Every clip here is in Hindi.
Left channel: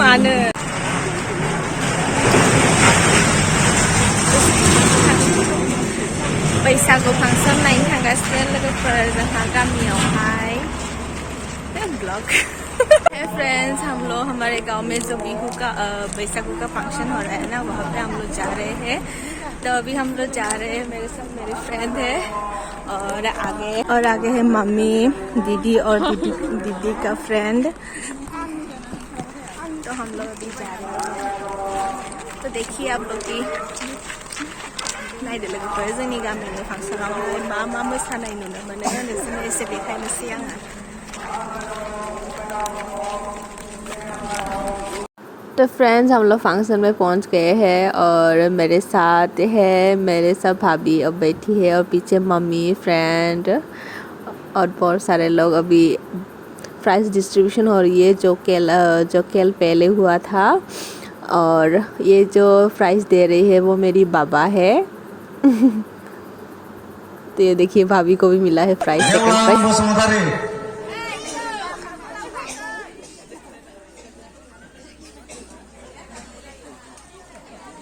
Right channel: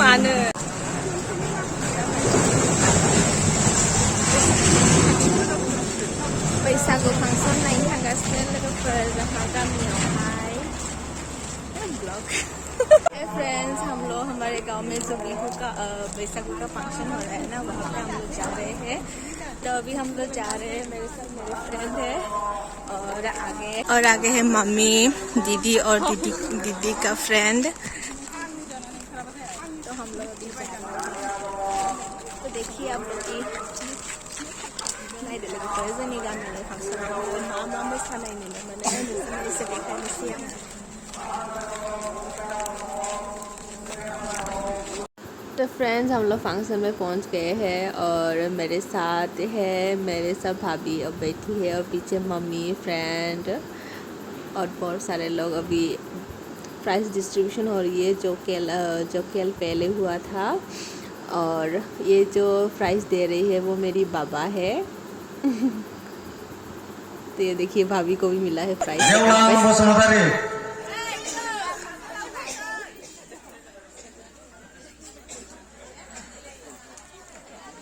Mana? बैसागु फांसन नायनो थांगासिनो लोगोफोर जोंहा गामियावहाय ब्लॉग। है फ्रेंड्स, हम लोग हमारे गांव में जो बिहू का बैसागु का फंक्शन हो रहा है ना, वहाँ पे हम लोग जा रहे हैं। तो अभी हम लोग जा रहे हैं, मेरे साथ मेरे फ्रेंड है और आगे है मम्मी, दीदी और दीदी का फ्रेंड। तो हम लोग अभी जा रहे हैं, तो देखिए आप लोग की नायदोलोगोफोर जोंनि गामिनि फांसनावहाय मा मा मोसानाय नुनो मोनो नोंसोरनो एसे देखायनोसै आङो। तो फ्रेंड्स, हम लोग फंक्शन में पहुंच गए हैं और मेरे साथ है मेरे सब भाभी अब बैठी है और पीछे मम्मी, फ्रेंड और बहुत सारे लोग। अभी प्राइज डिस्ट्रीब्यूशन हो रही है जो कल पहले हुआ था, और ये जो प्राइज दे रही है वो मेरी बाबा है। तो ये देखिए भाभी को भी मिला है प्राइज।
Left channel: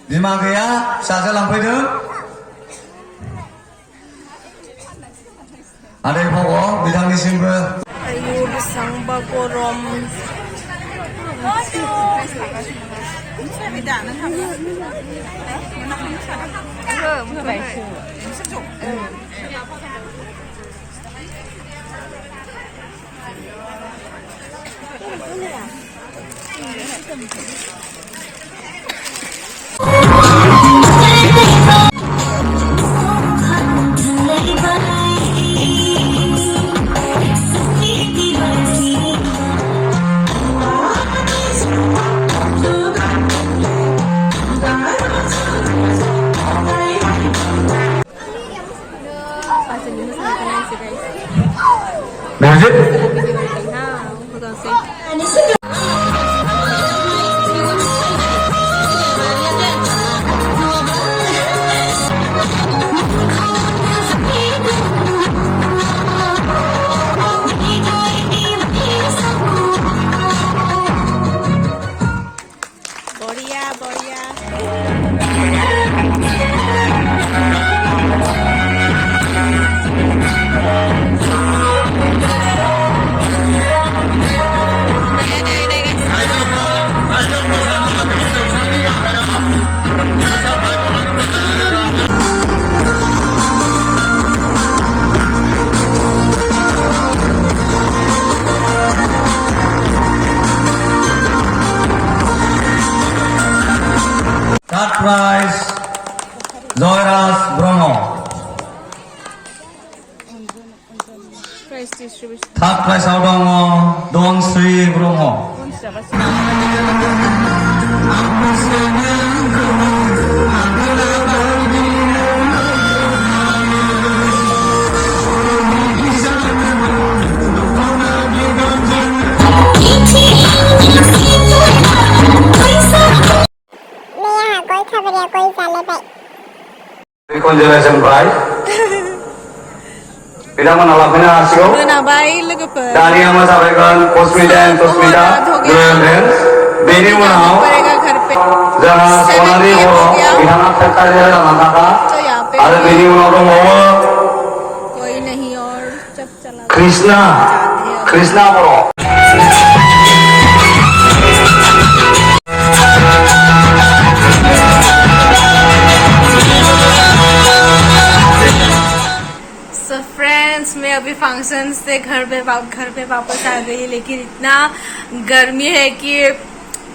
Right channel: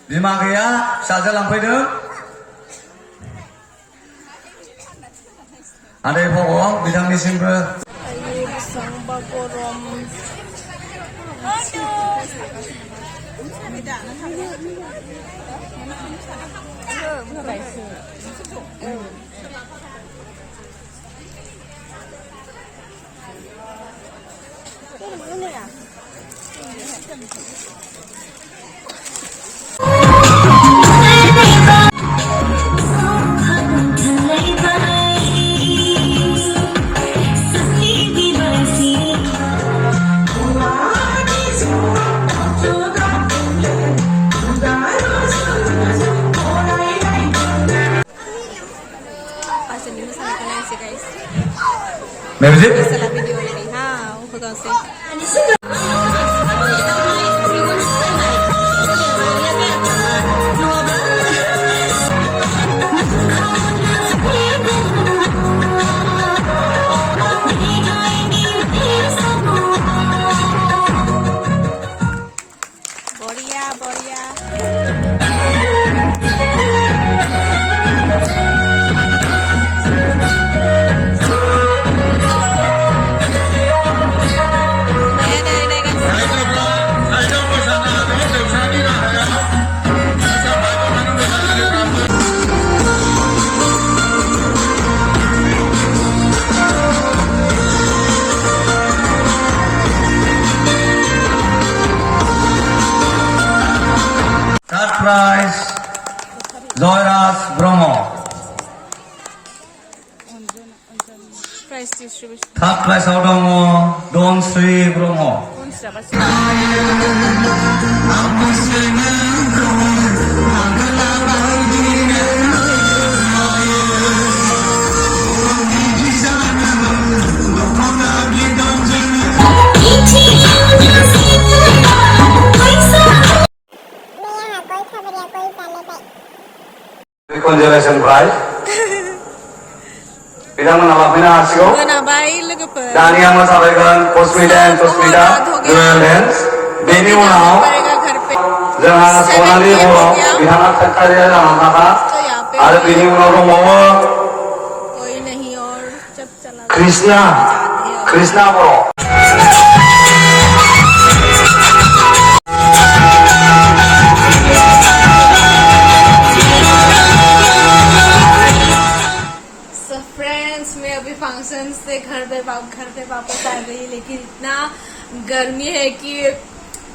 बिमा गैया फिसाजो लांफैदों। आदै भग' बिथांनिसिमबो। आयु बेसेबांबा गरम। Music? बढ़िया बढ़िया। Third prize, Joyras Bromo. Prize distribution. Third prize Dong Sri Bromo. Consolation prize. Bilang menolaknya hasil. Menabai लोगोफोर। Dari yang menyampaikan Posmida dan Posmida Dance. Bini menau. Jangan sonali bro. Ingat sekali dalam maka. Ada bini menau bawa. कोई नहीं और सब चला। Krishna bro. मैं अभी फंक्शन से घर पे वापस आ गई, लेकिन इतना गर्मी है कि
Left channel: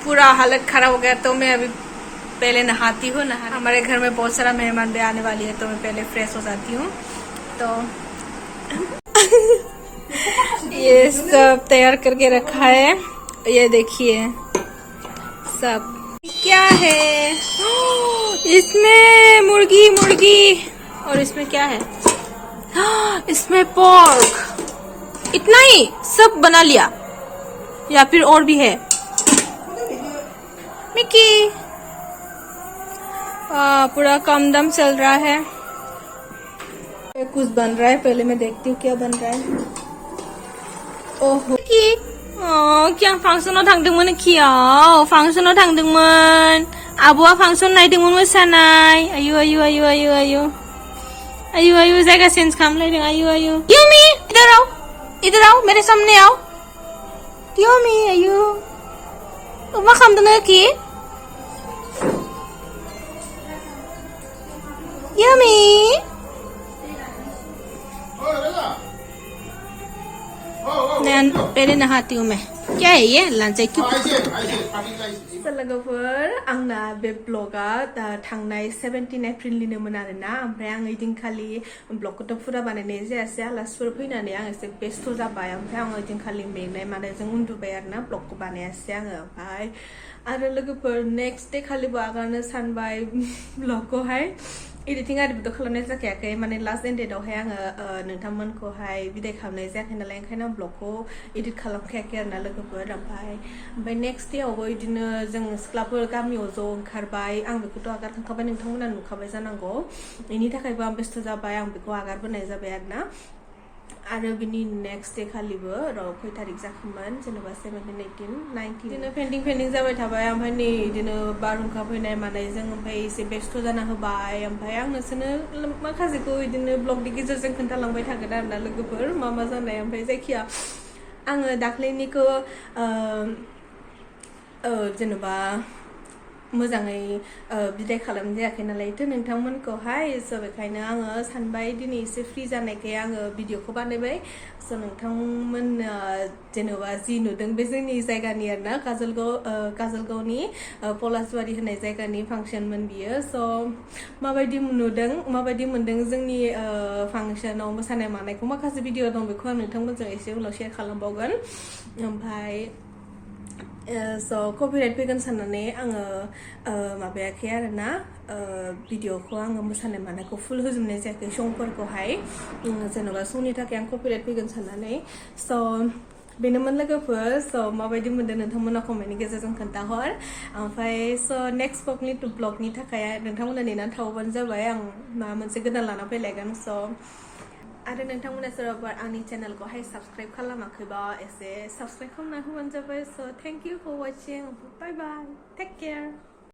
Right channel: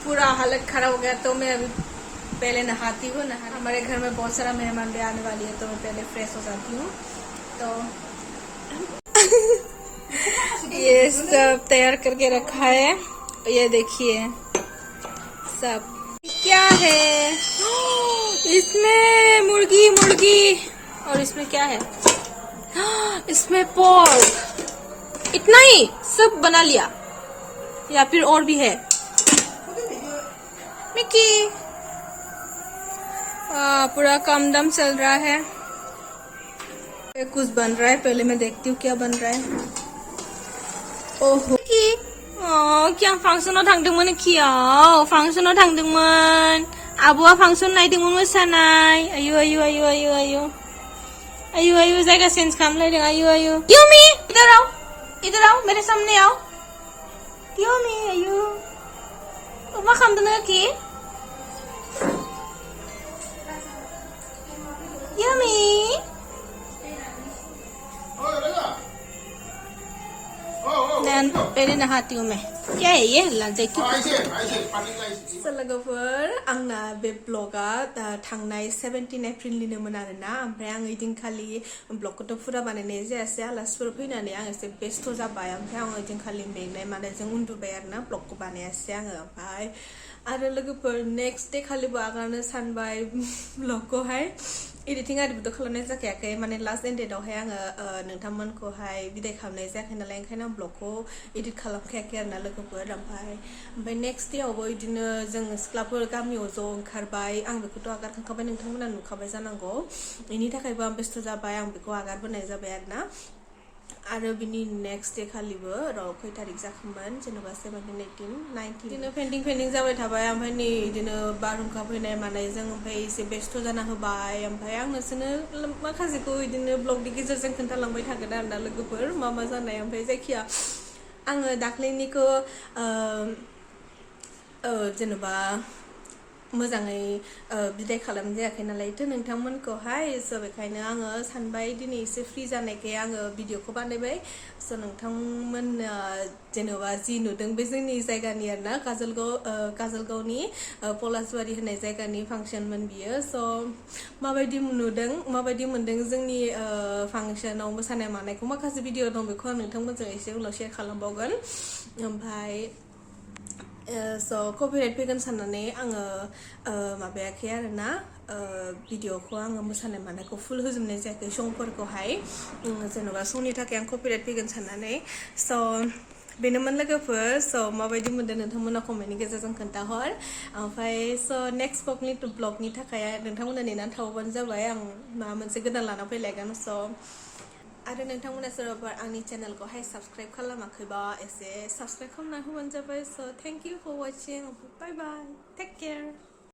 पूरा हालत खराब हो गया। तो मैं अभी पहले नहाती हूँ। हमारे घर में बहुत सारा मेहमान भी आने वाली है, तो मैं पहले फ्रेश हो जाती हूँ। तो ये सब तैयार करके रखा है, ये देखिए सब क्या है। इसमें मुर्गी और इसमें क्या है, इसमें पोर्क। इतना ही सब बना लिया या फिर और भी है? मिकी पूरा काम दम चल रहा है। कुछ बन रहा है, पहले मैं देखती हूँ क्या बन रहा है। ओहो मिकी किया फांसनाव थांदोंमोन खियाव फांसनाव थांदोंमोन आब'आ फांसन नायदोंमोन मोसानाय आयु आयु आयु आयु आयु आयु आयु जायगा चेन्ज खालामलायदों आयु आयु युमी इधर आओ मेरे सामने आओ युमी आयु मा खालामदों कि युमी पहले नहाती हूँ मैं क्या है ये लांचाई क्यों लोगोफोर आंना बे ब्लगा थांनाय 17 एप्रिलनिनोमोन आरोना ओमफ्राय आं ओइदिनखालि ब्लगखौथ' फुरा बानायनाय जायासै आलासिफोर फैनानै आं एसे बेस्थ' जाबाय ओमफ्राय आं ओइदिनखालि मेंनाय मानायजों उन्दुबाय आरोना ब्लगखौ बानायासै आङो ओमफ्राय आरो लोगोफोर नेक्स्ट डे खालिबो आगारनो सानबाय ब्लगखौहाय एडिटिं आरिबोथ' खालामनाय जाखायाखै माने लास्ट एन्डेडआवहाय आङो नोंथांमोनखौहाय बिदाय खालामनाय जायाखै नालाय ओंखायनो ब्लगखौ एडिट खालामखायाखै आरोना लोगोफोर ओमफ्राय नेक्स्ट डेआवबो बिदिनो जों सिख्लाफोर गामियाव ज' ओंखारबाय आं बेखौथ' आगारखांखाबाय नोंथांमोना नुखाबाय जानांगौ बेनि थाखायबो आं बेस्थ' जाबाय आं बेखौ आगारबोनाय जाबाय आरोना आरो बिनि नेक्स्ट डे खालिबो खय तारिख जाखोमोन जेनेबा 17 18 19 बिदिनो पेन्टिं जाबाय थाबाय ओमफ्राय नै बिदिनो बारहुंखा फैनाय मानायजों ओमफ्राय एसे बेस्थ' जाना होबाय ओमफ्राय आं नोंसोरनो माखासेखौ बिदिनो ब्लगनि गेजेरजों खोन्थालांबाय थागोन आरोना लोगोफोर मा जानाय ओमफ्राय जायखिया आङो दाख्लैनिखौ जेनेबा मोजाङै बिदाय खालामनाय जायाखै नालायथ' नोंथांमोनखौहाय स' बेखायनो आङो सानबाय दिनै एसे फ्रि जानायखाय आङो भिडिअखौ बानायबाय स' नोंथांमोना जेनेबा जि नुदों बे जोंनि जायगानि आरोना काजलगावनि पलासबारि होननाय जायगानि फांसनमोन बियो स' माबायदि नुदों माबायदि मोनदों जोंनि फांसनाव मोसानाय मानायखौ माखासे भिडिअ दं बेखौ आं नोंथांमोनजों एसे उनाव शेयार खालामबावगोन ओमफ्राय स' कपिराइट फैगोन साननानै आङो माबायाखै आरोना भिडिअखौ आङो मोसानाय मानायखौ फुल होजोबनाय जायाखै संफोरखौहाय जेन'बा संनि थाखाय आं कपिराइट फैगोन साननानै स' बेनोमोन लोगोफोर स' माबायदि मोनदों नोंथांमोना कमेन्टनि गेजेरजों खोन्थाहर ओमफ्राय स' नेक्स्ट ब्लगनि थाखाय नोंथांमोना नेनानै थावबानो जाबाय आं माबा मोनसे गोदान लाना फैलायगोन स' आरो नोंथांमोना सोरबाफोर आंनि चेनेलखौहाय साबस्क्राइब खालामाखैबा एसे साबस्क्राइब खालामना होबानो जाबाय स' thank you for watching bye bye take care